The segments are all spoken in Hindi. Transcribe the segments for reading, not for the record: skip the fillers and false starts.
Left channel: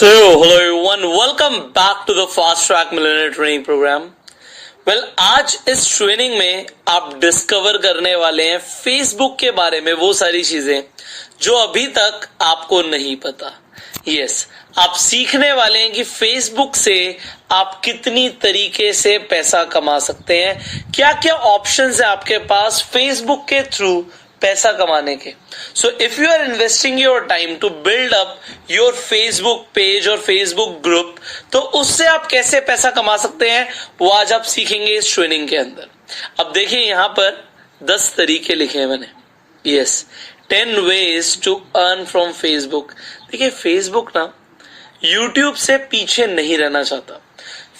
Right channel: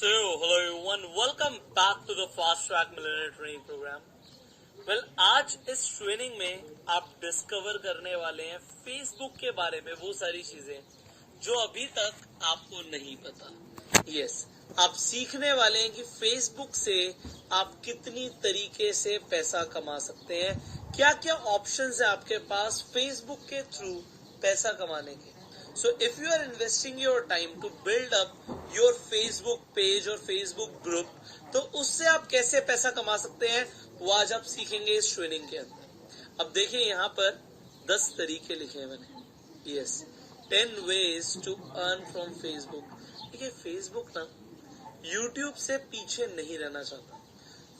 So, hello everyone, welcome back to the Fast Track Millionaire Training Program. Well, आज इस ट्रेनिंग में आप डिस्कवर करने वाले हैं फेसबुक के बारे में वो सारी चीजें जो अभी तक आपको नहीं पता. यस, आप सीखने वाले हैं कि फेसबुक से आप कितनी तरीके से पैसा कमा सकते हैं, क्या क्या ऑप्शंस है आपके पास फेसबुक के थ्रू पैसा कमाने के. So if you are investing your time to build up your Facebook page और फेसबुक ग्रुप, तो उससे आप कैसे पैसा कमा सकते हैं वो आज आप सीखेंगे इस ट्रेनिंग के अंदर. अब देखिए यहाँ पर 10 तरीके लिखे हैं मैंने. Yes, 10 ways to earn from Facebook. देखिए फेसबुक ना यूट्यूब से पीछे नहीं रहना चाहता.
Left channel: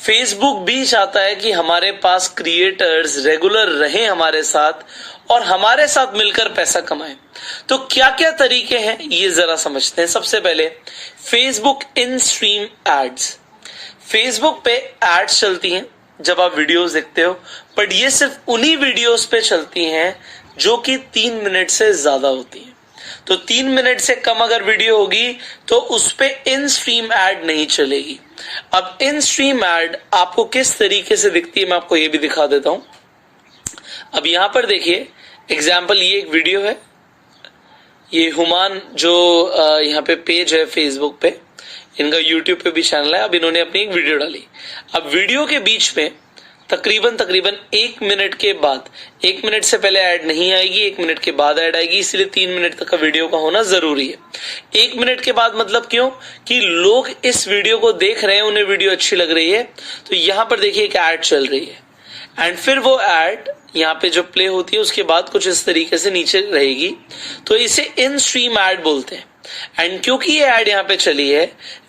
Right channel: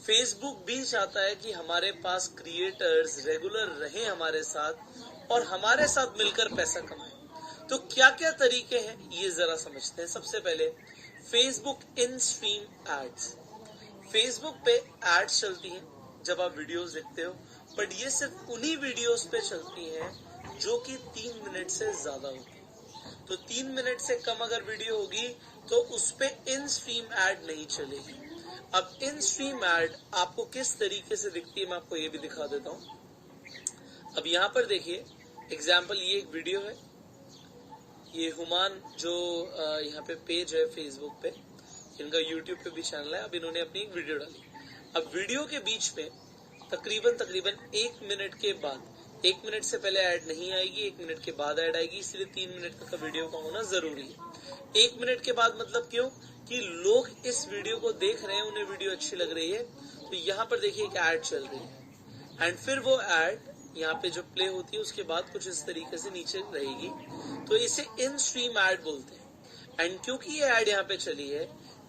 फेसबुक भी चाहता है कि हमारे पास क्रिएटर्स रेगुलर रहें हमारे साथ और हमारे साथ मिलकर पैसा कमाएं. तो क्या क्या तरीके हैं ये जरा समझते हैं. सबसे पहले Facebook in stream ads. Facebook पे एड्स चलती हैं जब आप वीडियोस देखते हो, बट ये सिर्फ उन्हीं वीडियोस पे चलती हैं जो कि 3 मिनट से ज्यादा होती हैं. तो 3 मिनट से कम अगर वीडियो होगी तो उस पे इन स्ट्रीम एड नहीं चलेगी. अब इन स्ट्रीम एड आपको किस तरीके से दिखती है मैं आपको ये भी दिखा देता हूं. अब यहां पर देखिए एग्जाम्पल, ये एक वीडियो है. ये हुमान जो यहाँ पे पेज है फेसबुक पे, इनका यूट्यूब पे भी चैनल है. अब इन्होंने अपनी एक वीडियो डाली. अब वीडियो के बीच में तकरीबन 1 मिनट के बाद, 1 मिनट से पहले ऐड नहीं आएगी, 1 मिनट के बाद ऐड आएगी, इसलिए 3 मिनट तक का वीडियो का होना जरूरी है. 1 मिनट के बाद मतलब क्यों कि लोग इस वीडियो को देख रहे हैं, उन्हें वीडियो अच्छी लग रही है, तो यहां पर देखिए एक ऐड चल रही है एंड फिर वो ऐड यहाँ पे जो प्ले होती है उसके बाद कुछ इस तरीके से नीचे रहेगी, तो इसे इन स्ट्रीम ऐड बोलते हैं. एंड क्योंकि ये ऐड यहाँ पे चली है,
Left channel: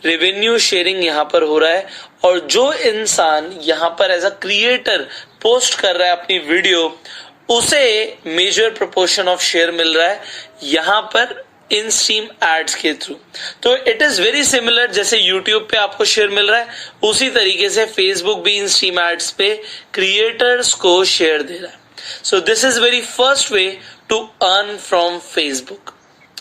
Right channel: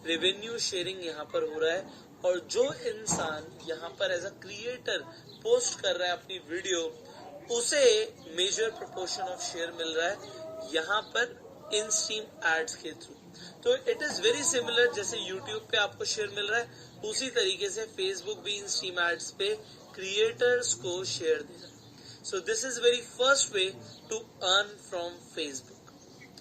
रेवेन्यू शेयरिंग यहाँ पर हो रहा है और जो इंसान यहाँ पर एज अ क्रिएटर पोस्ट कर रहा है अपनी वीडियो, उसे मेजर प्रोपोर्शन ऑफ शेयर मिल रहा है यहाँ पर इन स्ट्रीम एड्स के थ्रू. तो इट इज वेरी सिमिलर, जैसे यूट्यूब पे आपको शेयर मिल रहा है उसी तरीके से फेसबुक भी इन स्ट्रीम एड्स पे क्रिएटर्स को शेयर दे रहा है. So this is very first way to earn from Facebook.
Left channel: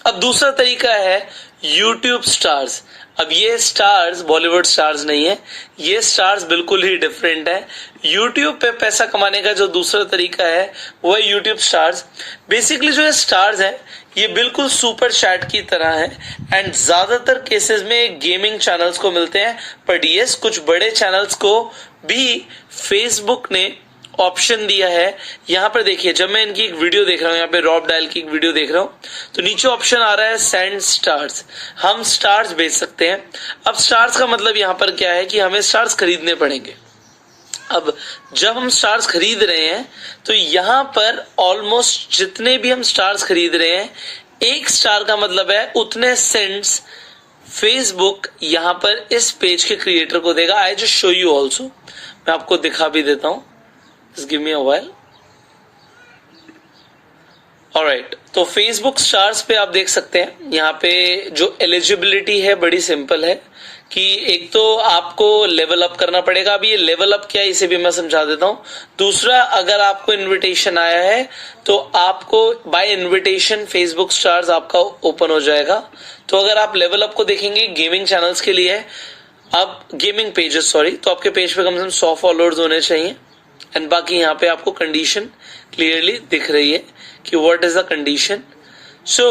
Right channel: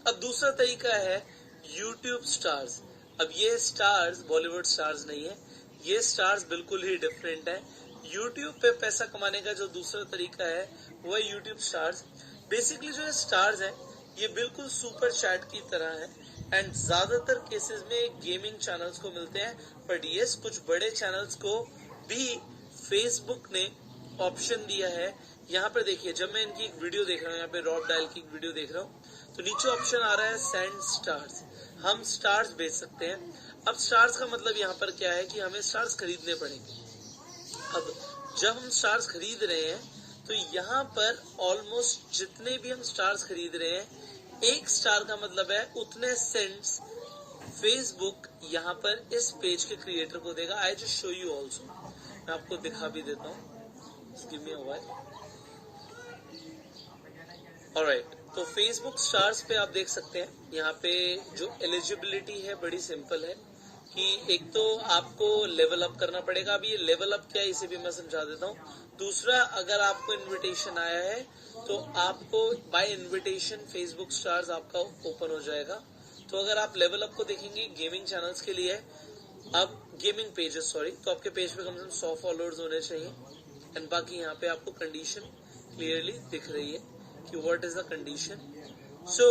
अब दूसरा तरीका है यूट्यूब स्टार्स. अब ये स्टार्स बॉलीवुड स्टार्स नहीं है, ये स्टार्स बिल्कुल ही डिफरेंट है. यूट्यूब पे पैसा कमाने का जो दूसरा तरीका है वो है यूट्यूब स्टार्स. बेसिकली जो है स्टार्स है ये बिल्कुल सुपर चैट की तरह है एंड ज्यादातर केसेस में गेमिंग चैनल्स को मिलते हैं, बट यस कुछ बड़े चैनल्स को भी फेसबुक ने ऑप्शन दिया है. यहाँ पर देखिए जब मैं इनकी एक वीडियो देख रहा हूँ, यहाँ पे रॉब डायल की एक वीडियो देख रहा हूँ, तो नीचे ऑप्शन आ रहा है सेंड स्टार्स. हम स्टार्स भेज सकते हैं. अब स्टार्स का मतलब यहाँ पर क्या है कि हमें स्टार्स खरीदने पड़ेंगे. अब जब हम स्टार्स खरीद रहे हैं तो यहाँ पर ऑलमोस्ट जितने भी हम स्टार्स खरीद रहे हैं, 1 स्टार का मतलब है उतने सेंट्स फेसबुक यहाँ पर इस पेज के क्रिएटर को देगा. I just show you also, मैं आपको दिखा भी देता हूँ. Just give me a while. Alright, तो Facebook स्टार्स पे आप देख सकते हैं यहाँ पे जो एलिजिबिलिटी है बड़ी सिंपल है कि एक तो आपको लेवल अप करना पड़ेगा. अभी ये लेवल अप क्या है इसे भी मैं समझा देता हूँ. दूसरा, अगर आपको इनविटेशन आया है तो आपको बाय इनविटेशन फेसबुक स्टार्स आपका ओपन हो जाएगा. तो अगर आप लेवल अप को देखेंगे गेमिंग चैनल्स के लिए है, अब गेमिंग पेजेस सॉरी, तो आपके पेज पे कम से कम 100 फॉलोअर्स होने चाहिए. एंड बाकी यहाँ पे आपको कंडीशन क्लियरली दिख रही है कि what is the condition. So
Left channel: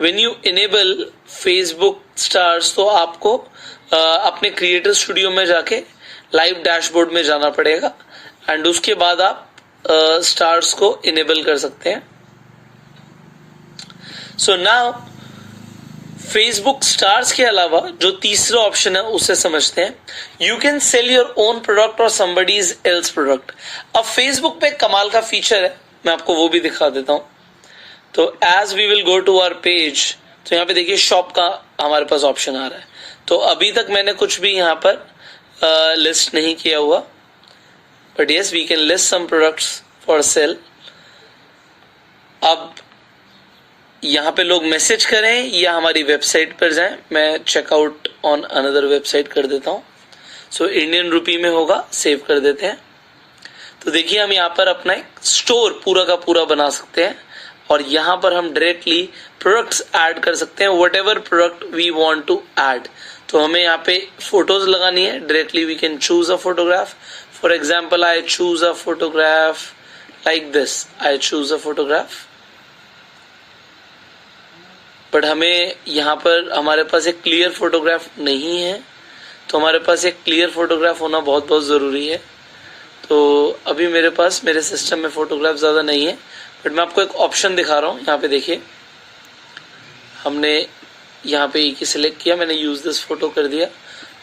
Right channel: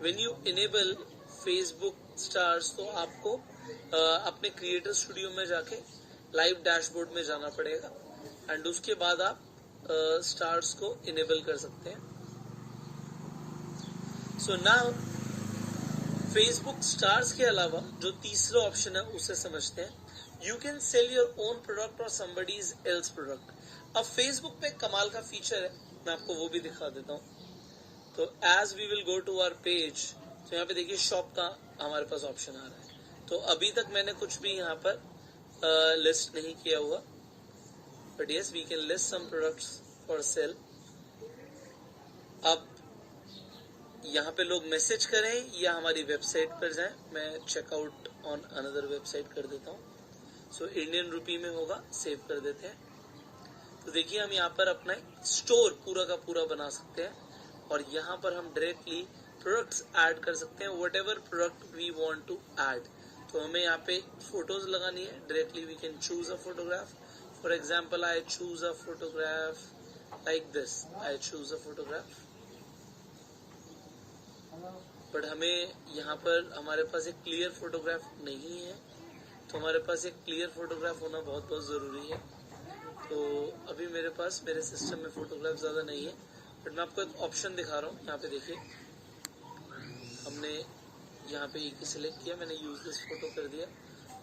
when you enable Facebook stars तो आपको अपने क्रिएटर स्टूडियो में जाके लाइव डैशबोर्ड में जाना पड़ेगा एंड उसके बाद आप स्टार्स को इनेबल कर सकते हैं. सो नाउ फेसबुक स्टार्स के अलावा जो तीसरा ऑप्शन है उसे समझते हैं. You can sell your own product और समबडीज एल्स प्रोडक्ट. अब फेसबुक पे कमाल का फीचर है, मैं आपको वो भी दिखा देता हूं. तो as we will go to our page, तो यहाँ पे देखिए शॉप का हमारे पास ऑप्शन आ रहा है. तो अभी तक मैंने कुछ भी यहाँ पर लिस्ट नहीं किया हुआ, but yes we can list some products for sale. अब यहाँ पे लोग मैसेज करें या हमारी वेबसाइट पर जाएं, मैं चेकआउट ऑन अनदर वेबसाइट कर देता हूँ. सो इंडियन रुपी में होगा, सेव कर देते हैं. तो देखिए हम यहाँ पर अपना एक स्टोर पूरा का पूरा बना सकते हैं और यहाँ पर हम डायरेक्टली प्रोडक्ट्स ऐड कर सकते हैं, whatever product we want to add. तो हमें यहाँ पे फोटोज लगानी है. Directly we can choose a photograph. For example I choose a photograph like this. I choose a photograph. But हमें यहाँ पर हमारे पास एक क्लियर फोटोग्राफ नहीं है, तो हमारे पास एक क्लियर फोटोग्राफ होना बहुत बहुत ज़रूरी है. तो अभी मेरे पास मेरे सिस्टम में फोटोग्राफ ज़्यादा नहीं है, बट मैं आपको एक ऑप्शन दिखा रहा हूँ. यहाँ पे देखिए, हमने यहाँ पे एक ही सिलेक्ट किया, मैंने यूज दिस फोटो कर दिया.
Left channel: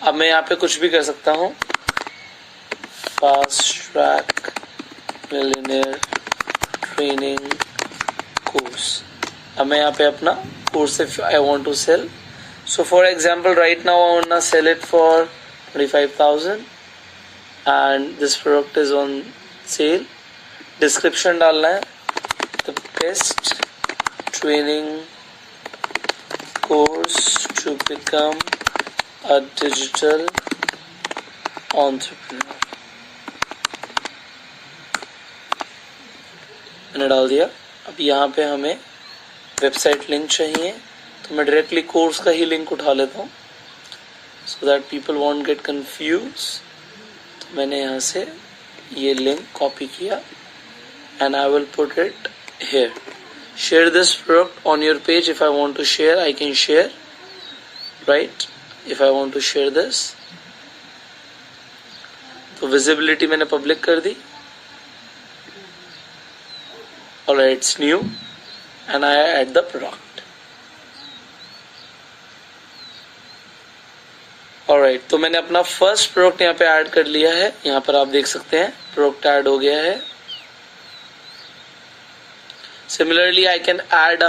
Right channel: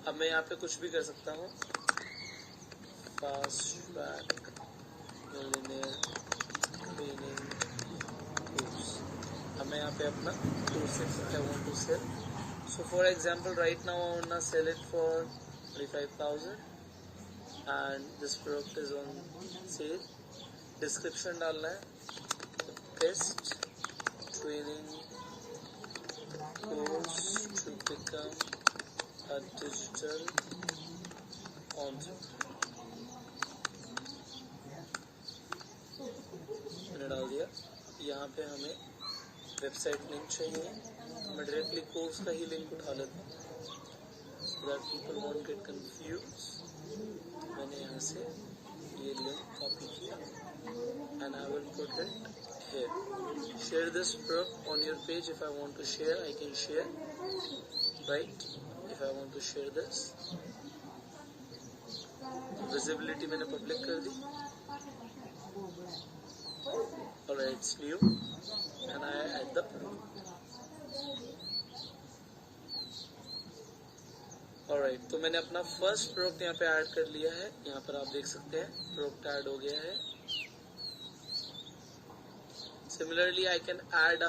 अब मैं यहाँ पे कुछ भी कर सकता हूँ. Fast track millionaire training course. अब मैं यहाँ पे अपना course if I want to sell. So for example right now I want to sell it for 25,000 and this product is on sale. Description डालना है, the best training course to become a digital entrepreneur. मैंने डाल दिया. अब यहाँ पे हमें वेबसाइट लिंक चाहिए, तो मैं डायरेक्टली कोर्स का ही लिंक उठा लेता हूँ so that people won't get confused. मैंने यहाँ से ये लिंक कॉपी किया and I will put it here. Share this product on your page. If I want to share, I can share, right? If I want to share this, तो visibility मैंने public कर दी. Alright, it's new and I add the product. Alright, तो मैंने अपना फर्स्ट प्रोडक्ट यहाँ पे ऐड कर लिया है. यहाँ पर आप देख सकते हैं प्रोडक्ट ऐड हो गया है. सिमिलरली आई कैन ऐड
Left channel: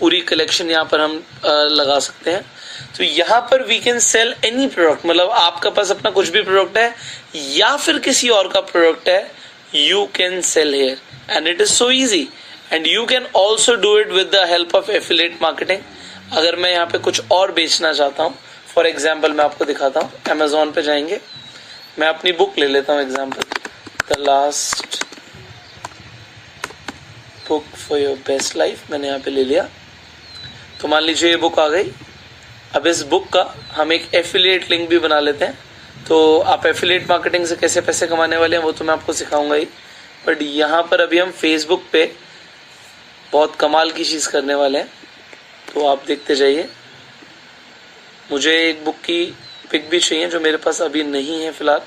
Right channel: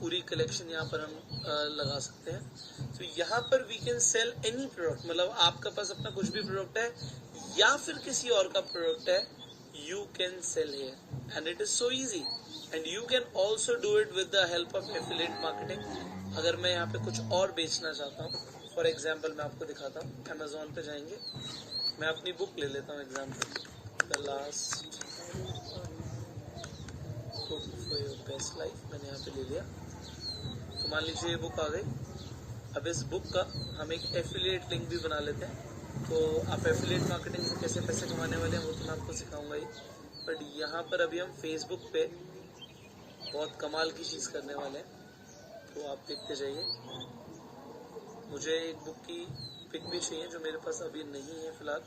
पूरी कलेक्शन यहाँ पर हम लगा सकते हैं. तो यहाँ पर we can sell any product. मतलब आपका पास अपना कुछ भी प्रोडक्ट है या फिर किसी और का प्रोडक्ट है, you can sell here and it is so easy. And you can also do it with the help of affiliate marketing. अगर मैं यहाँ पे कुछ और बेचना चाहता हूँ, फॉर एग्जाम्पल मैं आपको दिखाता हूँ. अमेजोन पे जाएंगे, मैं अपनी बुक ले लेता हूँ example, the last book for your best life. मैंने यहाँ पे ले लिया. तो मान लीजिए ये बुक आ गई. अब इस बुक का हम एक एफिलिएट लिंक भी बना लेते हैं. तो आप एफिलिएट मार्केटिंग से कैसे पैसे कमाने वाले हैं वो तो मैं आपको सिखाऊंगा ही, बट यहाँ पर अभी हम फेसबुक पे बहुत कमाल की चीज़ करने वाले हैं. तो आप देखते जाइए. मुझे एक बुक की पिक भी चाहिए जो मेरे पास अभी नहीं है फिलहाल,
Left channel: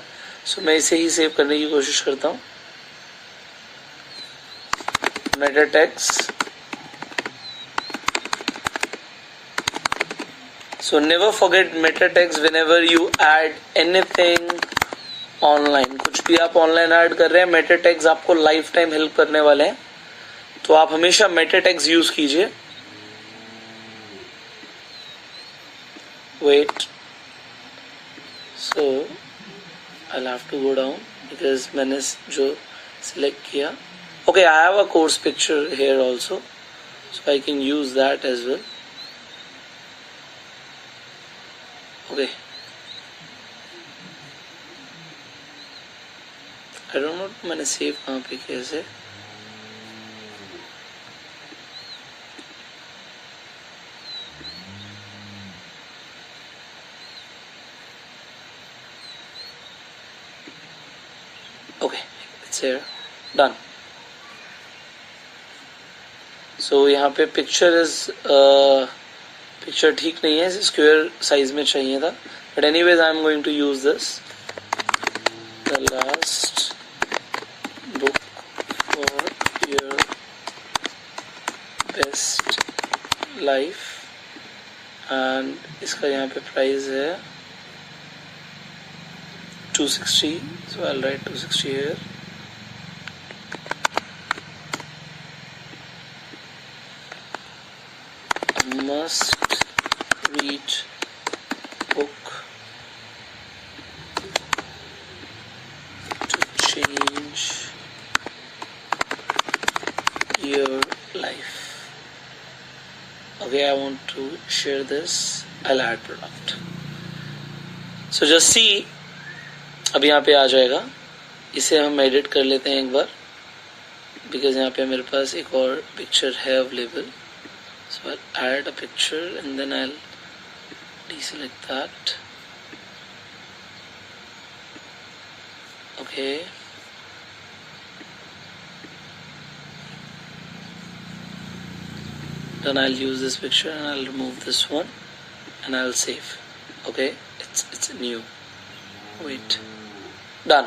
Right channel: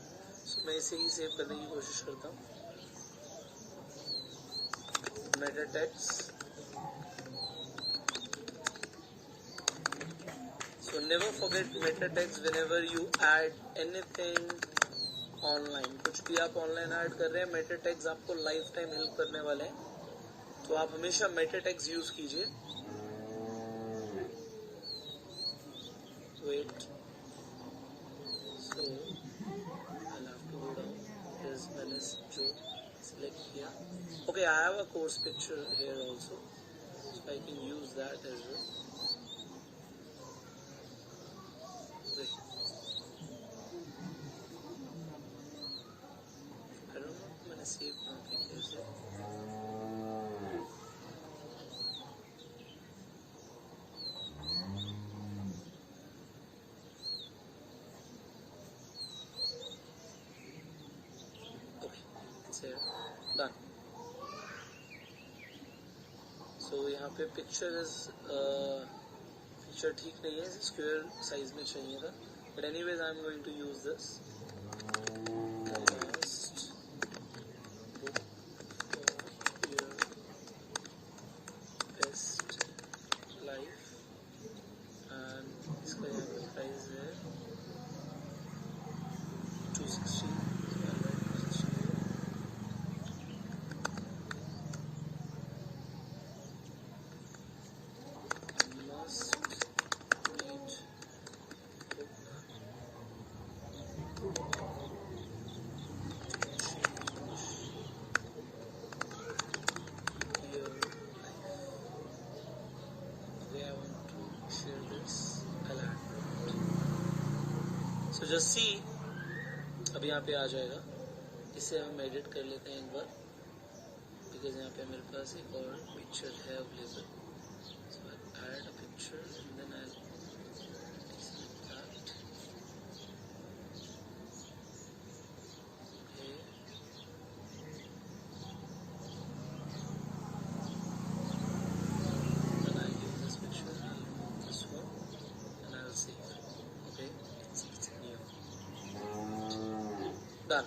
सो मैं इसे ही सेव करने की कोशिश करता हूँ. Meta tags. So never forget Meta tags whenever you add anything online. कुछ भी आप ऑनलाइन ऐड कर रहे हैं, मेटा टैग्स आपको लाइफ टाइम हेल्प करने वाले हैं. तो आप हमेशा मेटा टैग्स यूज कीजिए. wait, so I'll have to go down because मैंने जो select किया. Okay, I have a course picture here also, so I can use that as well. Okay, I don't know मैंने save कहाँ पे कैसे. Okay, it's here, done. So यहाँ पे पिक्चर ठीक नहीं है, स्क्वायर साइज में चाहिए था. But anyways I am going to use this, the last book for your best life. And इसका यहाँ पे प्राइस है 260. So I'll write 260 here. Must read book to change your life. Okay, I want to share this. I'll add product. So just see. अभी यहाँ पे आ जाएगा. इसे हम एडिट कर लेते हैं एक बार, बिकॉज यहाँ पे मेरे पास एक और पिक्चर है available. So I add a picture and then I deselect that. Okay. Then I'll use this picture and I'll remove this one and I'll save. Okay, it's new. Wait. Done.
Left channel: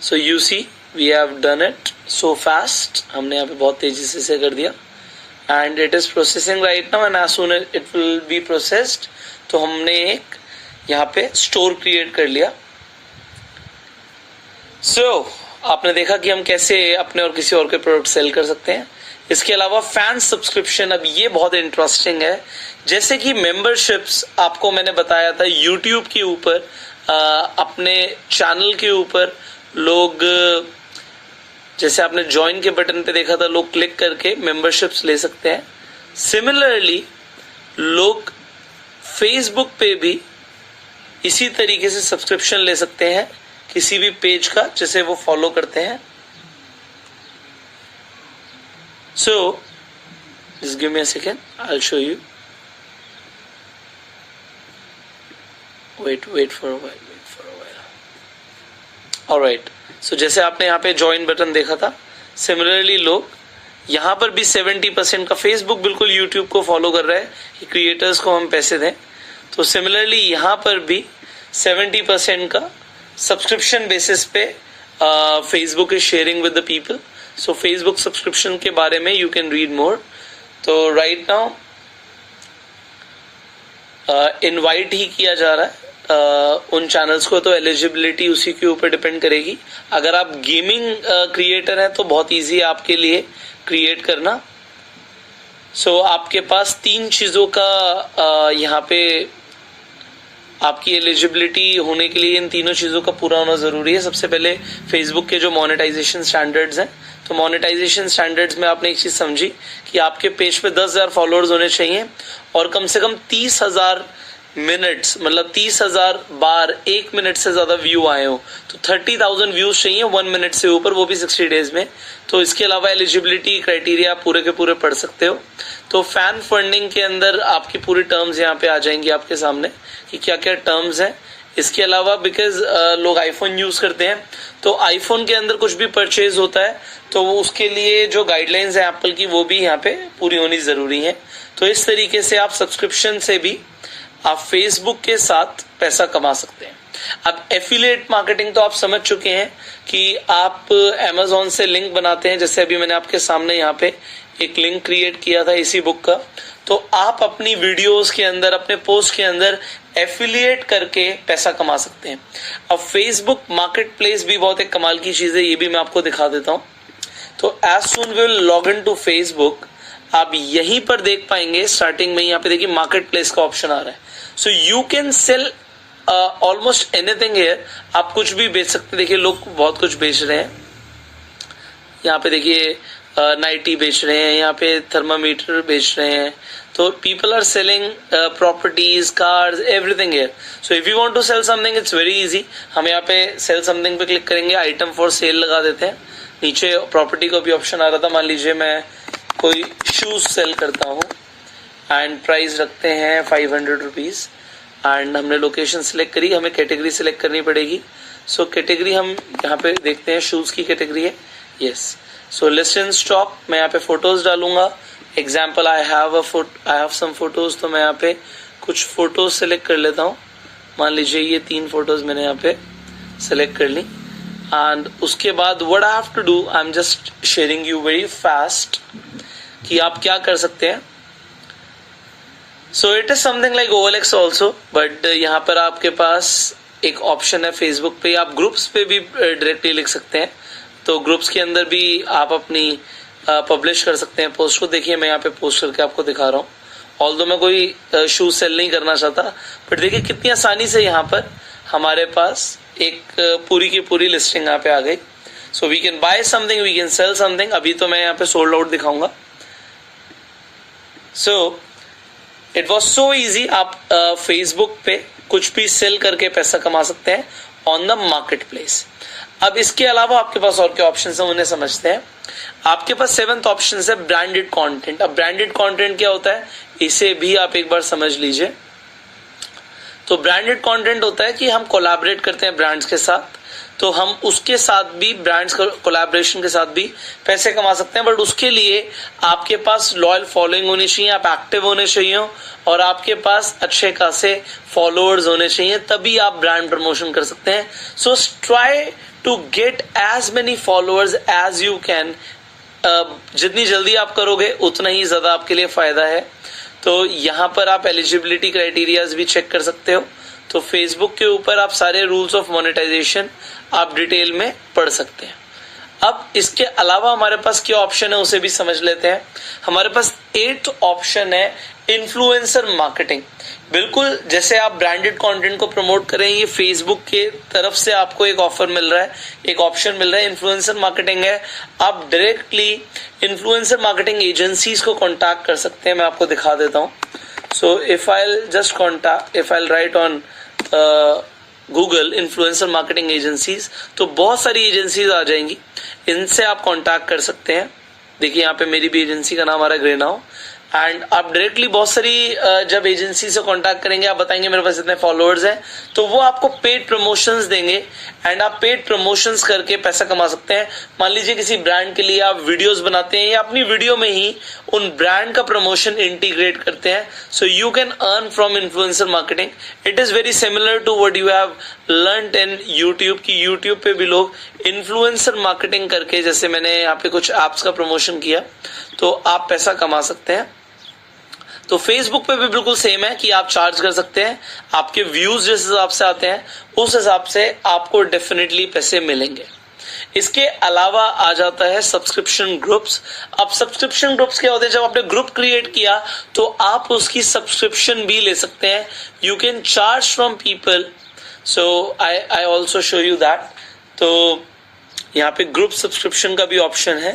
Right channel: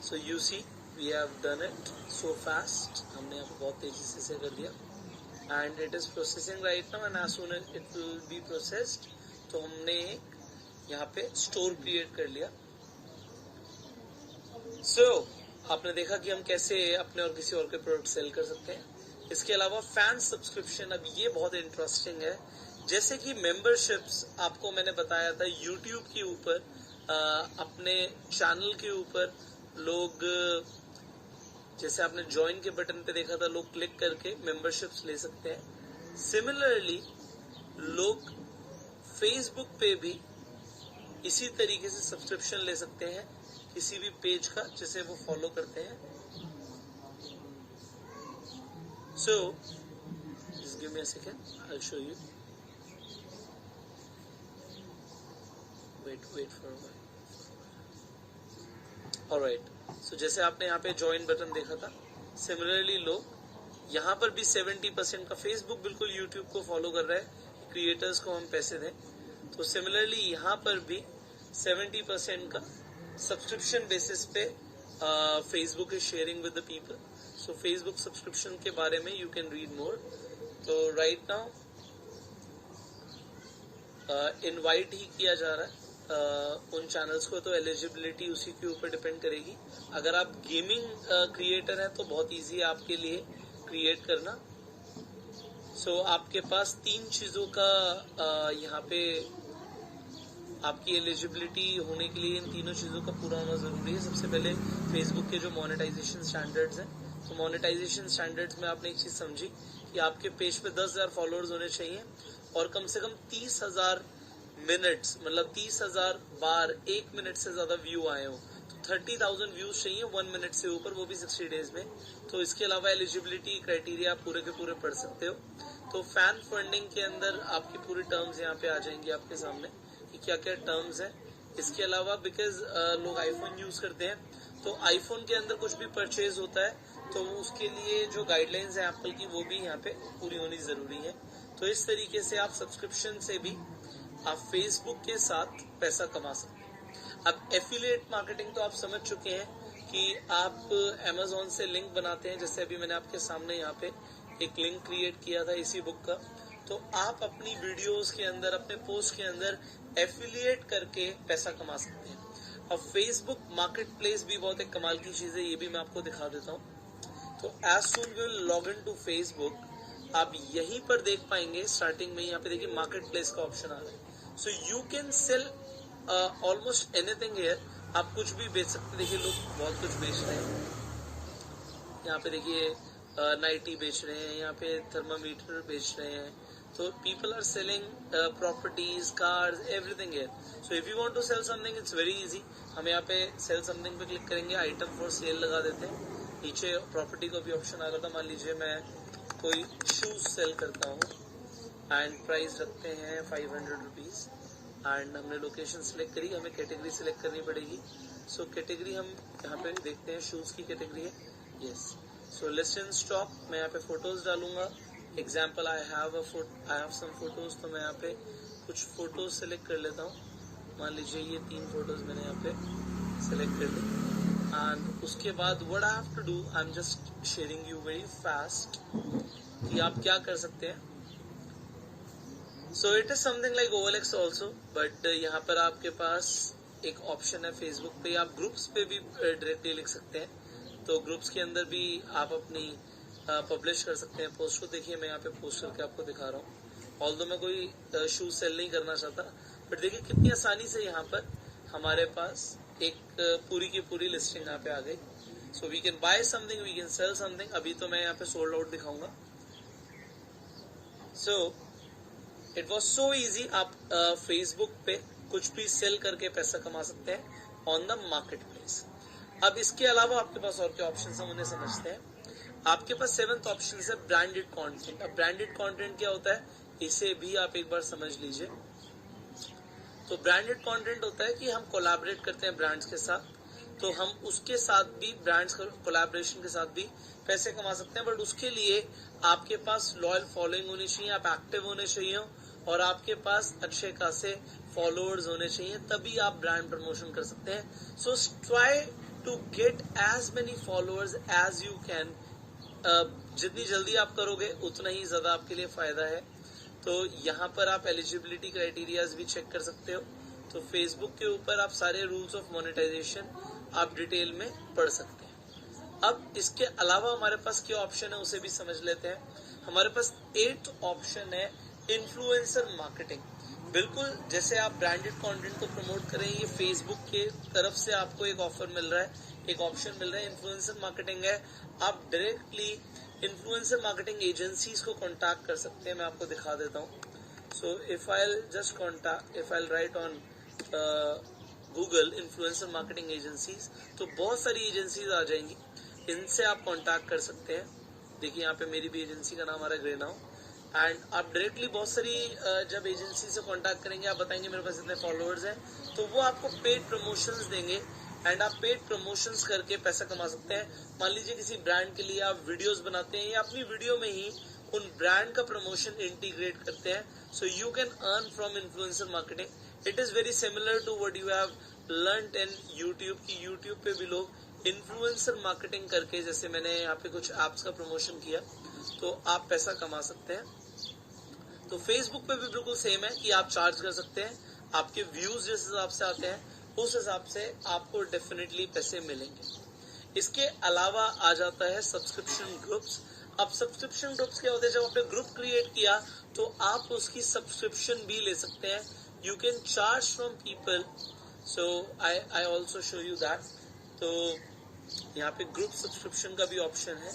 So you see we have done it so fast. हमने यहाँ पे बहुत तेजी से इसे कर दिया and it is processing right now and as soon as it will be processed तो हमने एक यहाँ पे स्टोर क्रिएट कर लिया. So आपने देखा कि हम कैसे अपने और किसी और के प्रोडक्ट सेल कर सकते हैं. इसके अलावा फैन सब्सक्रिप्शन, अब ये बहुत इंटरेस्टिंग है. जैसे कि मेंबरशिप्स आपको मैंने बताया था यूट्यूब के ऊपर अपने चैनल के ऊपर लोग, जैसे आपने ज्वाइन के बटन पे देखा था, लोग क्लिक करके मेंबरशिप्स ले सकते हैं. सिमिलरली लोग फेसबुक पे भी इसी तरीके से सब्सक्रिप्शन ले सकते हैं किसी भी पेज का जिसे वो फॉलो करते हैं. So just give me a second, I'll show you. Wait for a while. Alright, so जैसे आपने यहाँ पे ज्वाइन बटन देखा था, सिमिलरली लोग यहाँ पर भी 70% का, फेसबुक बिल्कुल यूट्यूब को फॉलो कर रहा है कि क्रिएटर्स को हम पैसे दें, तो सिमिलरली यहाँ पर भी 70% का सब्सक्रिप्शन बेसिस पे Facebook is sharing with the people. So Facebook subscription के बारे में यू कैन रीड मोर. तो राइट नाउ इनवाइट ही किया जा रहा है उन चैनल्स को, तो एलिजिबिलिटी उसी के ऊपर डिपेंड करेगी. अगर आप गेमिंग क्रिएटर हैं तो बहुत इजी है आपके लिए क्रिएट करना. सो आपके पास 3 चीज़ों का यहाँ पे आपकी एलिजिबिलिटी होने के लिए इन तीनों चीज़ों का पूरा होना ज़रूरी है. सबसे पहले फेसबुक के जो मोनेटाइजेशन स्टैंडर्ड्स हैं, तो मोनेटाइजेशन स्टैंडर्ड्स में आपने एक चीज़ समझी कि आपके पेज पे 10,000 फॉलोअर्स होने चाहिए और कम से कम 30,000 मिनट्स, मतलब 30,000 बार 1 मिनट से ज़्यादा व्यू आए हो, तो 30,000 व्यूज चाहिए 1 मिनट से ऊपर, वो भी 60 डेज में. तो इसके अलावा एलिजिबिलिटी क्राइटेरिया आप पूरे के पूरे पढ़ सकते हो. तो फैन फंडिंग के अंदर आपकी पूरी टर्म्स यहाँ पे आ जाएंगी आपके सामने कि क्या क्या टर्म्स हैं. इसके अलावा बिकॉज लोग आईफोन यूज करते हैं, तो आईफोन के अंदर कुछ भी परचेज होता है तो उसके लिए जो गाइडलाइंस है एप्पल की वो भी यहाँ पे पूरी होनी जरूरी है. तो इस तरीके से आप सब्सक्रिप्शन से भी आप फेसबुक के साथ पैसा कमा सकते हैं. अब एफिलिएट मार्केटिंग तो आप समझ चुके हैं कि आप Amazon से लिंक बनाते हैं. जैसे अभी मैंने आपके सामने यहाँ पे एक लिंक क्रिएट किया था इसी बुक का, तो आप अपनी वीडियोस के अंदर, अपने पोस्ट के अंदर एफिलिएट करके पैसा कमा सकते हैं. अब फेसबुक मार्केट प्लेस भी बहुत एक कमाल की चीज है, ये भी मैं आपको दिखा देता हूँ. तो as soon we will log in to Facebook, आप यहीं पर देख पाएंगे स्टार्टिंग में, यहाँ पे देखिए मार्केट प्लेस का ऑप्शन आ रहा है. सो you can sell almost anything here. आप कुछ भी बेच सकते हैं. देखिए लोग बहुत कुछ बेच रहे हैं. यहाँ पे देखिए नाइटी बेच रहे हैं, यहाँ पे थर्मामीटर बेच रहे हैं. तो people are selling properties, cars, everything here. So if you want to sell something it's very easy. हम यहाँ पे सेल समथिंग पे क्लिक करेंगे, आइटम फॉर सेल लगा देते हैं. नीचे प्रॉपर्टी का भी ऑप्शन आ रहा था. मान लीजिए मैं कोई शूज सेल करता हूँ एंड प्राइस रखते हैं 500 रुपीज एंड हमने लोकेशन सिलेक्ट करी. हमें कैटेगरी सिलेक्ट करनी पड़ेगी. सो कैटेगरी हम यहाँ पे देखते हैं, शूज की कैटेगरी है. Yes. So list in stock, मैं यहाँ पे फोटोज डालूंगा. Example I have some photos, तो मैं यहाँ पे कुछ फोटोज सेलेक्ट कर लेता हूँ. मान लीजिए ये 3 फोटोज मैंने यहाँ पे सेलेक्ट कर ली. एंड उसके बाद what I have to do, I am just sharing you very fast कि आप क्या कर सकते हैं. So it is something like OLX also, but यहाँ पर आपके पास एक ऑप्शन है फेसबुक पे, आप ग्रुप्स पे भी डायरेक्टली लिख सकते हैं. तो ग्रुप्स के अंदर भी आप अपनी पब्लिश कर सकते हैं पोस्ट को. देखिए मैं यहाँ पे पोस्ट करके आपको दिखा रहा हूँ. ऑल्दो मैं कोई शूज सेल नहीं करना चाहता, बट देखिए कितनी आसानी से यहाँ पर हमारे पास एक पूरी की पूरी लिस्टिंग यहाँ पे आ गई. So we can buy something, we can sell something. अभी तो मैं यहाँ पे सोल्ड आउट दिखाऊंगा. So it was so easy. आप फेसबुक पे कुछ भी सेल करके पैसा कमा सकते हैं ऑन द मार्केट प्लेस. अब इसके अलावा आपके पास और क्या ऑप्शन है उन्हें समझते हैं. आपके पास 7th ऑप्शन है ब्रांडेड कंटेंट. अब ब्रांडेड कंटेंट क्या होता है इसे भी आप एक बार समझ लीजिए. तो ब्रांडेड कंटेंट होता है कि हम कोलैबोरेट करते हैं ब्रांड्स के साथ, तो हम उसके साथ भी, ब्रांड्स कोलैबोरेशन के साथ भी पैसे कमा सकते हैं। बट उसके लिए आपके पास लॉयल फॉलोइंग होनी चाहिए, आप एक्टिव होने चाहिए और आपके पास अच्छे खासे फॉलोअर्स होने चाहिए, तभी आप ब्रांड प्रमोशन कर सकते हैं। So try to get as many followers as you can. जितनी जल्दी आप करोगे उतना ही ज्यादा आपके लिए फायदा है। तो यहाँ पर आप एलिजिबिलिटी क्राइटेरियाज भी चेक कर सकते हो। तो फेसबुक के ऊपर आप सारे रूल्स ऑफ मोनेटाइजेशन आप डिटेल में पढ़ सकते हैं। अब इसके अलावा हमारे पास क्या ऑप्शन है उसे भी समझ लेते हैं। हमारे पास 8th ऑप्शन है इन्फ्लुएंसर मार्केटिंग। बिल्कुल जैसे आप ब्रांडेड कंटेंट को प्रमोट करें, ये फेसबुक के तरफ से आपको एक ऑफर मिल रहा है, एक ऑप्शन मिल रहा है, इन्फ्लुएंसर मार्केटिंग है। आप डायरेक्टली इन्फ्लुएंसर मार्केटिंग एजेंसीज को कॉन्टैक्ट कर सकते हैं। मैं आपको दिखा देता हूँ। So if I right on Google influencer marketing agencies, तो बहुत सारी एजेंसीज आ जाएंगी, इनसे आप कांटेक्ट कर सकते हैं। देखिए यहाँ पे मेरी भी एजेंसी का नाम आ रहा है ग्रेनाउ, एंड आप डायरेक्टली बहुत सारी जब एजेंसी से कांटेक्ट करेंगे, आप बताएंगे मेरे पास इतने फॉलोअर्स हैं, तो वो आपको पेड प्रमोशंस देंगे एंड आप पेड प्रमोशंस करके पैसा कमा सकते हैं। मान लीजिए किसी ब्रांड के लिए आप वीडियोस बनाते हैं या अपनी वीडियो में ही उन ब्रांड का प्रमोशन इंटीग्रेट करते हैं, so you can earn from influencer marketing. It is very similar to what you have learned in YouTube की यूट्यूब पे भी लोग इन्फ्लुएंसर मार्केटिंग करके, जैसे मैंने यहाँ पे कुछ एप्स का प्रमोशन किया, तो आप पैसा कमा सकते हैं। तो फेसबुक पे भी बिल्कुल सेम है कि आप चार्ज कर सकते हैं, आपके व्यूज जिस हिसाब से आते हैं उस हिसाब से आपको डेफिनेटली पैसे मिलेंगे। इसके अलावा आ जाता है सब्सक्रिप्शन ग्रुप्स। अब सब्सक्रिप्शन ग्रुप्स क्या होते हैं, जब आपने ग्रुप क्रिएट किया तो आप उसकी सब्सक्रिप्शन भी ले सकते हैं। You can charge from people, so I also show you that. तो यहाँ पे ग्रुप सब्सक्रिप्शन का भी ऑप्शन है।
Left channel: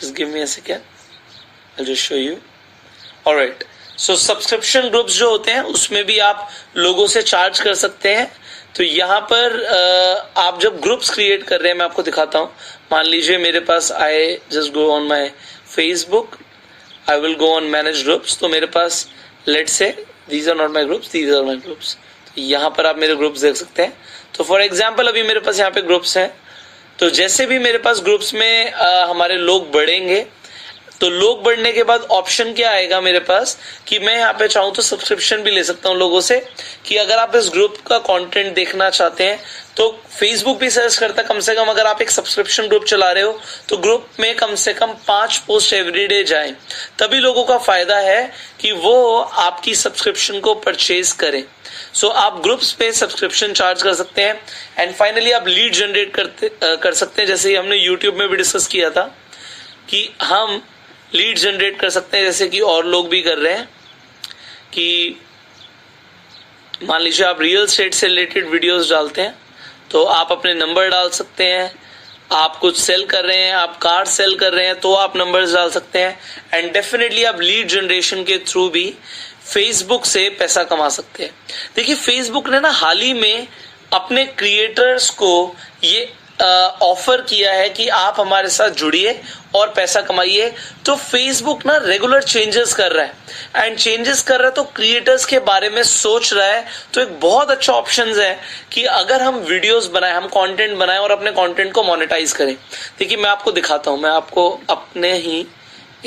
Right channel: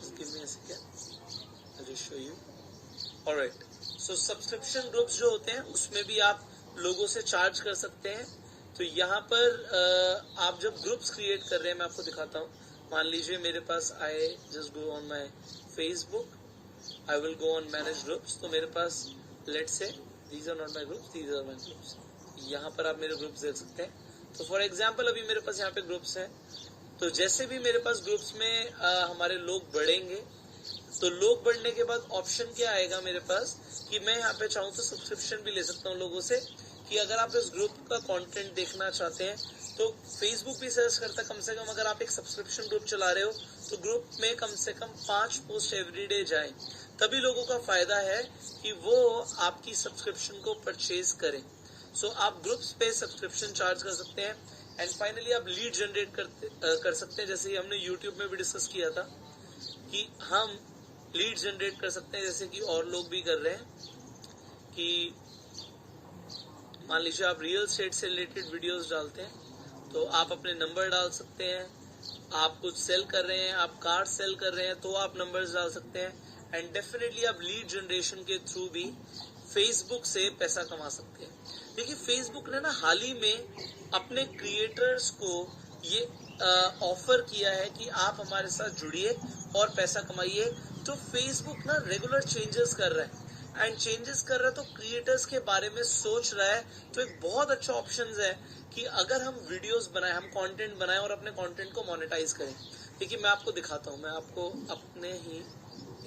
Just give me a second, I just show you. Alright, so subscription groups जो होते हैं उसमें भी आप लोगों से चार्ज कर सकते हैं। तो यहाँ पर आप जब ग्रुप्स क्रिएट कर रहे हैं, मैं आपको दिखाता हूँ। मान लीजिए मेरे पास, I just go on my Facebook, I will go on manage groups. तो मेरे पास let's say these are not my groups, these are my groups. तो यहाँ पर आप मेरे ग्रुप्स देख सकते हैं। तो फॉर एग्जाम्पल अभी मेरे पास यहाँ पे ग्रुप्स हैं, तो जैसे भी मेरे पास ग्रुप्स में हमारे लोग बढ़ेंगे, तो लोग बढ़ने के बाद ऑप्शन क्या आएगा मेरे पास कि मैं यहाँ पे चाहूँ तो सब्सक्रिप्शन भी ले सकता हूँ लोगों से, कि अगर आप इस ग्रुप का कंटेंट देखना चाहते हैं तो फेसबुक भी सजेस्ट करता है कम से कम अगर आप एक सब्सक्रिप्शन ग्रुप चला रहे हो तो ग्रुप में कम से कम 5 पोस्ट एवरीडे जाएं, तभी लोगों का फायदा है कि वो आपकी सब्सक्रिप्शन को परचेज करें। सो आप ग्रुप्स पे सब्सक्रिप्शन चार्ज कर सकते हैं। एंड फाइनली आप लीड जनरेट कर सकते हैं, जैसे हमने यूट्यूब में भी डिस्कस किया था कि हम लीड जनरेट कर सकते हैं, जैसे कि और लोग भी कर रहे हैं। कि मान लीजिए आप रियल एस्टेट से रिलेटेड वीडियोस डालते हैं, तो आप अपने नंबर डाल सकते हैं। आप कुछ सेल कर रहे हैं, आप कार सेल कर रहे हैं, तो आप नंबर्स डाल सकते हैं। एंड डेफिनेटली आप लीड जनरेशन के थ्रू भी फेसबुक से पैसा कमा सकते हैं। देखिए फेसबुक ने ना हाल ही में अपने क्रिएटर्स को ये ऑफर किया है कि आप हमारे साथ जुड़िए और पैसा कमाइए। तो फेसबुक ना रेगुलर चेंजेस कर रहा है, एंड चेंजेस कर रहा है तो क्रिएटर्स के बारे में सोच रहा है। तो एक बहुत अच्छा ऑप्शन है कि अगर हम वीडियोस बनाएं, हम कंटेंट बनाएं और अपने कंटेंट को मोनेटाइज करें। देखिए मैं आपको दिखाता हूं, मैं आपको अपने ही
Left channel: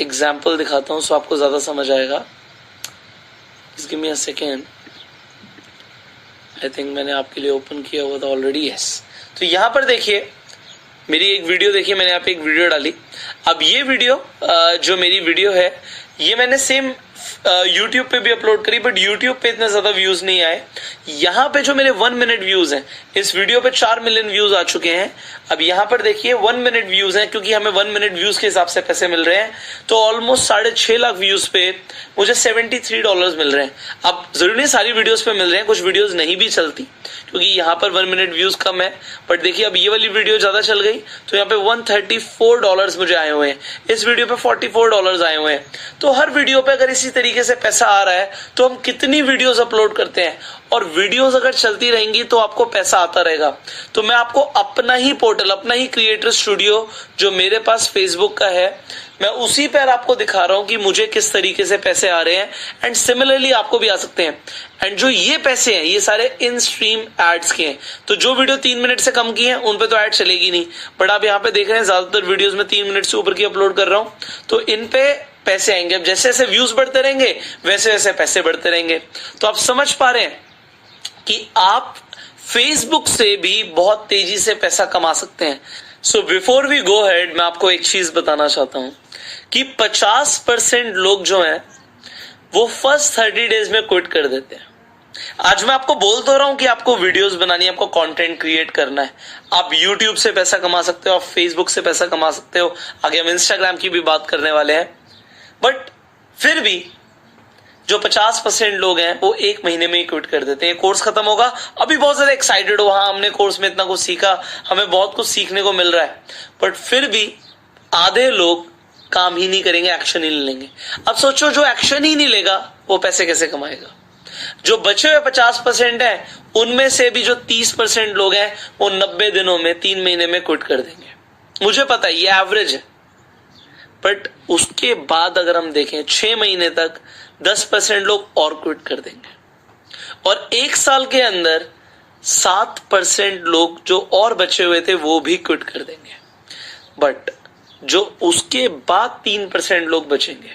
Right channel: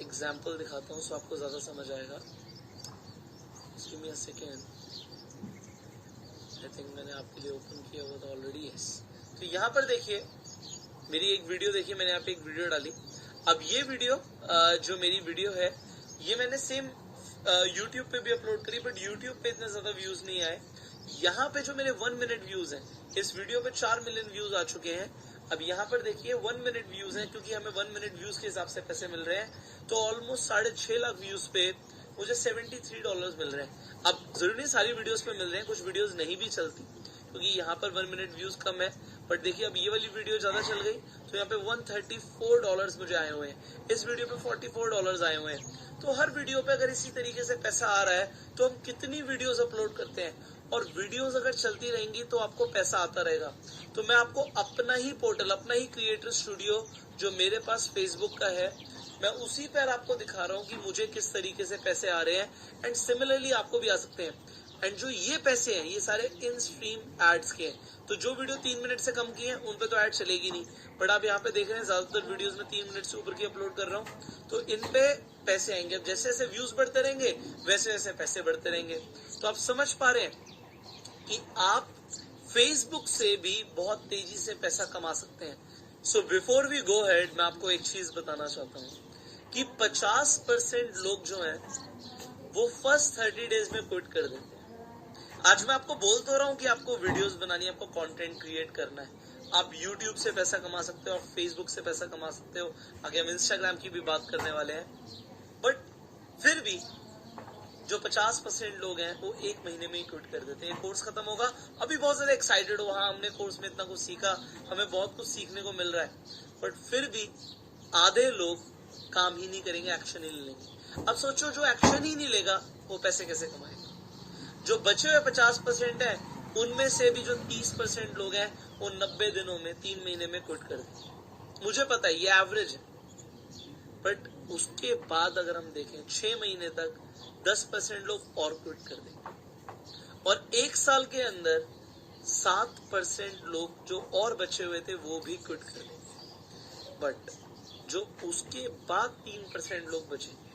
एग्जाम्पल दिखाता हूं, सो आपको ज्यादा समझ आएगा। Give me a second, I think मैंने आपके लिए ओपन किया हुआ था ऑलरेडी। यस, तो यहाँ पर देखिए मेरी एक वीडियो, देखिए मैंने यहाँ पे एक वीडियो डाली। अब ये वीडियो जो मेरी वीडियो है ये मैंने सेम YouTube पे भी अपलोड करी, बट YouTube पे इतने ज्यादा व्यूज नहीं आए। यहाँ पे जो मेरे 1 मिनट व्यूज हैं, इस वीडियो पे 4 मिलियन व्यूज आ चुके हैं। अब यहाँ पर देखिए 1 मिनट व्यूज हैं, क्योंकि हमें 1 मिनट व्यूज के हिसाब से पैसे मिल रहे हैं। तो ऑलमोस्ट 6.5 लाख व्यूज पे मुझे $73 मिल रहे हैं। अब जरूरी नहीं सारी वीडियोस पे मिल रहे हैं, कुछ वीडियोस नहीं भी चलती क्योंकि यहाँ पर 1 मिनट व्यूज कम है। बट देखिए अब ये वाली वीडियो ज्यादा चल गई तो यहाँ पे $134 मुझे आए हुए हैं, इस वीडियो पे $44 आए हुए हैं। तो हर वीडियो पे अगर इसी तरीके से पैसा आ रहा है तो हम कितनी वीडियोस अपलोड करते हैं, और वीडियोस अगर चलती रहेंगी तो आपको पैसा आता रहेगा। तो मैं आपको अपना ही पोर्टल, अपना ही क्रिएटर स्टूडियो जो मेरे पास फेसबुक का है, मैं उसी पर आपको दिखा रहा हूं कि मुझे किस तरीके से पैसे आ रहे हैं, एंड सिमिलरली आपको भी आ सकते हैं। एंड जो ये पैसे हैं ये सारे इन स्ट्रीम एड्स के हैं। तो जो वीडियो 3 मिनट से कम की है उन पे तो ऐड चलेगी नहीं, बट आप यहाँ पे देख रहे हैं ज्यादातर वीडियोस में 3 मिनट से ऊपर की अपलोड कर रहा हूं, तो इन पे पैसे आएंगे। अब जैसे जैसे व्यूज बढ़ते रहेंगे वैसे वैसे पैसे बढ़ते रहेंगे। तो आप समझ पा रहे हैं कि आप फेसबुक से भी बहुत तेजी से पैसा कमा सकते हैं। So before we go ahead, मैं आपको एक चीज बताना चाहता हूं कि 50% लोग जो हैं वो फर्स्ट 30 डेज में क्विट कर देते हैं। आज मैं आपको बोल तो रहा हूं कि आपको वीडियोस बनानी है, आपको कंटेंट क्रिएट करना है, आप यूट्यूब से पैसा कमा सकते हो, आप फेसबुक से पैसा कमा सकते हो, आगे हम इंस्टाग्राम की भी बात करने वाले हैं। बट फिर भी जो 50% लोग हैं वो 1 महीने में ही क्विट कर देते हैं। कोर्स खत्म होगा, अभी बहुत ज्यादा एक्साइटेड हो, हाँ हमने कोर्स में इतना कुछ सीखा, हमें बहुत कुछ सीखने को मिल रहा है, बट फिर भी आधे लोग काम ही नहीं करेंगे, एक्शन ही नहीं लेंगे। अब सोचो जो एक्शन ही नहीं लेगा वो पैसे कैसे कमाएगा। जो बचे हुए 50% है उनमें से भी जो 30% लोग हैं वो 90 दिनों में, 3 महीने में क्विट कर देंगे। मुझे पता है ये एवरेज है, बट उसके बाद अगर हम देखें 6 महीने तक 10% लोग और क्विट कर देंगे, और 1 साल के अंदर 7% लोग जो और बचे हुए थे वो भी क्विट कर देंगे। बट जो उसके बाद 3% लोग बचेंगे,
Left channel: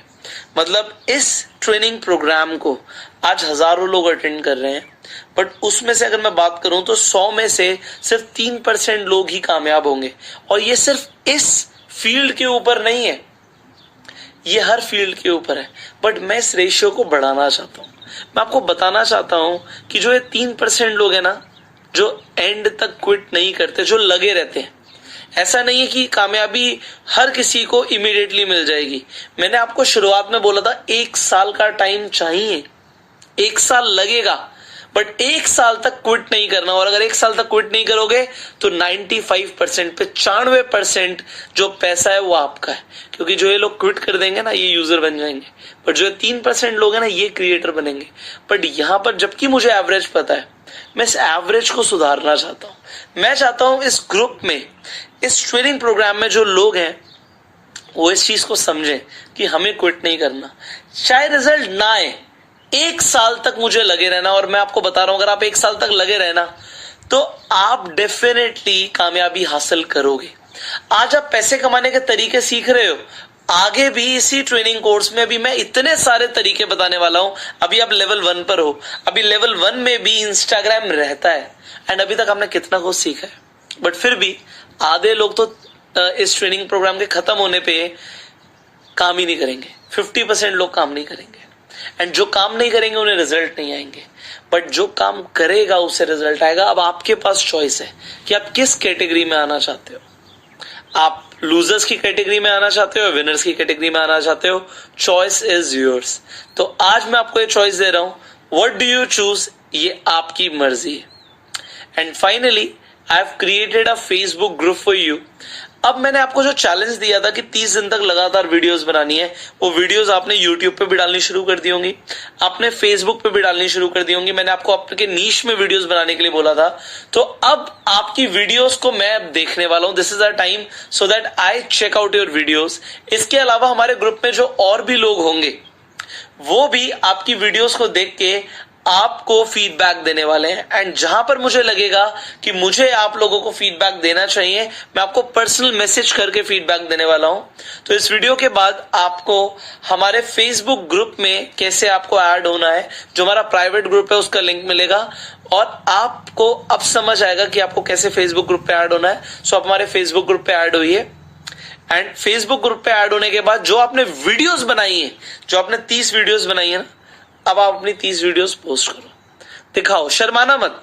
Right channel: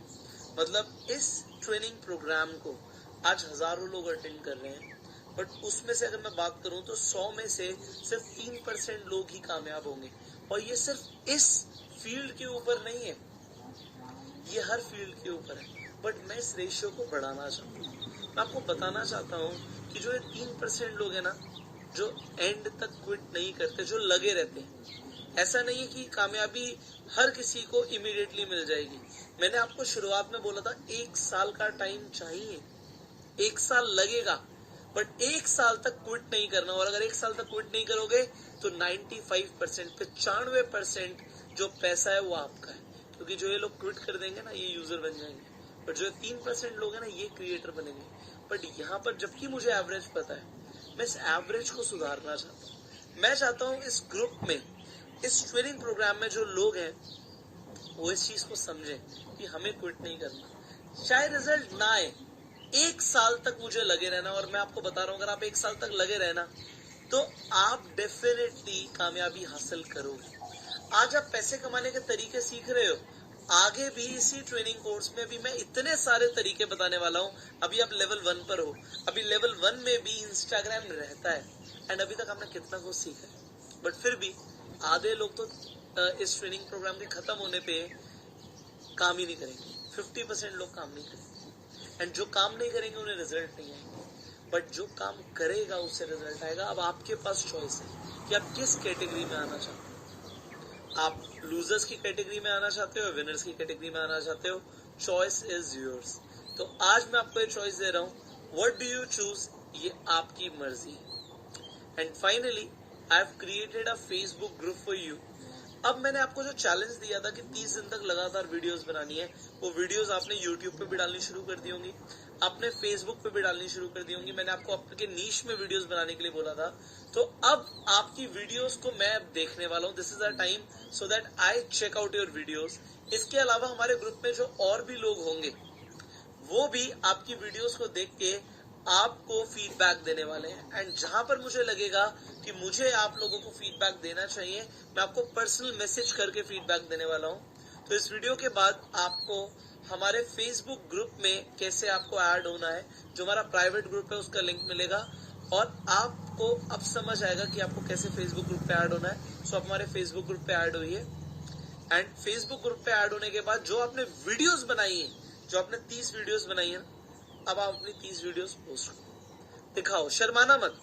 मतलब इस ट्रेनिंग प्रोग्राम को आज हजारों लोग अटेंड कर रहे हैं, बट उसमें से अगर मैं बात करूं तो 100 में से सिर्फ 3% लोग ही कामयाब होंगे। और ये सिर्फ इस फील्ड के ऊपर नहीं है, ये हर फील्ड के ऊपर है। बट मैं इस रेशियो को बढ़ाना चाहता हूं। मैं आपको बताना चाहता हूं कि जो ये 3% लोग हैं ना, जो एंड तक क्विट नहीं करते, जो लगे रहते हैं, ऐसा नहीं है कि कामयाबी हर किसी को इमीडिएटली मिल जाएगी। मैंने आपको शुरुआत में बोला था 1 साल का टाइम चाहिए, 1 साल लगेगा, बट 1 साल तक क्विट नहीं करना। और अगर 1 साल तक क्विट नहीं करोगे तो 95% पे 95% जो पैसा है वो आपका है, क्योंकि जो ये लोग क्विट कर देंगे ना ये यूजर बन जाएंगे, बट जो 3% लोग हैं ना ये क्रिएटर बनेंगे। बट यहां पर जबकि मुझे एवरेज पता है, मैं इस एवरेज को सुधारना चाहता हूं। मैं चाहता हूं इस ग्रुप में, इस ट्रेनिंग प्रोग्राम में जो लोग हैं वो इस चीज को समझें कि हमें क्विट नहीं करना, चाहे रिजल्ट ना आए। 1 साल तक मुझे लगे रहना, और मैं आपको बता रहा हूं अगर आप 1 साल तक लगे रहना तो आप डेफिनेटली कामयाबी हासिल करोगे। आज आप पैसे कमाने के तरीके सीख रहे हो, आगे भी इसी ट्रेनिंग कोर्स में भी मैं इतने सारे तरीके बताने वाला हूं। अभी आप लेवल 1 पर हो, अभी लेवल 1 में भी इंस्टाग्राम रहता है, एंड अभी तक आपने कितना कुछ सीखा है। बट फिर भी आधे लोग तो इस ट्रेनिंग प्रोग्राम के खत्म होने पे काम ही नहीं करेंगे, 50% लोग काम नहीं करेंगे, एंड जो काम नहीं करेंगे उन्हें रिजल्ट नहीं आएंगे। बट जो काम करेगा उसे रिजल्ट आएगा। अब आपके पास चॉइस है कि आप किस कैटेगरी में आना चाहते हो। आप लूजर्स की कैटेगरी में आना चाहते हो, विनर्स की कैटेगरी में आना चाहते हो, चॉइस इज योर्स। तो आज मैं आपको ये चॉइस दे रहा हूं, व्हाट डू यू चूज, ये आपकी मर्जी है। And finally I have created a Facebook group for you. अब मैंने आपको जो चैलेंज दिया था कि 30 दिन तक लगातार वीडियोस बनानी है, वो वीडियोस आपने यूट्यूब पे भी डालनी शुरू कर दी होंगी, आपने फेसबुक पे भी डालनी शुरू कर दी होंगी। मैंने आपको आपके नीश में वीडियोस बनाने के लिए बोला था, तो अब आपकी वीडियोस को मैं अब देखने वाला हूं। This is a time so that I check out your videos. इसके अलावा हमारे ग्रुप में जो और भी लोग होंगे वो भी आपकी वीडियोस को देख के आपको फीडबैक देने वाले हैं, एंड जहां पर मुझे लगेगा कि मुझे आप लोगों को फीडबैक देना चाहिए, मैं आपको पर्सनल मैसेज करके फीडबैक देने वाला हूं। तो इस वीडियो के बाद आपको हमारे फेसबुक ग्रुप में कैसे आपको ऐड होना है, जो हमारा प्राइवेट ग्रुप है उसका लिंक मिलेगा, और आपको अब समझ आएगा कि आपको कैसे फेसबुक ग्रुप पे ऐड होना है। सो आप हमारे फेसबुक ग्रुप पे ऐड होइए, एंड फेसबुक ग्रुप पे ऐड होने के बाद जो आपने वीडियोस बनाई है, जो आपने 30 वीडियोस बनाई है ना, अब आप अपनी 30 वीडियोस पोस्ट करो, दिखाओ, शर्माना मत।